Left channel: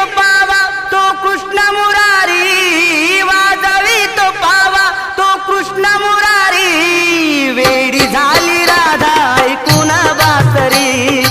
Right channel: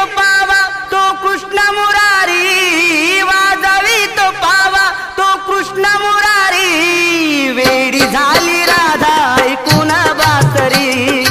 तो पावा तो कृष्ण मुरारी, वाजवी तो पावा तो कृष्ण मुरारी, वेडी झाली राधा ऐकून बासरी.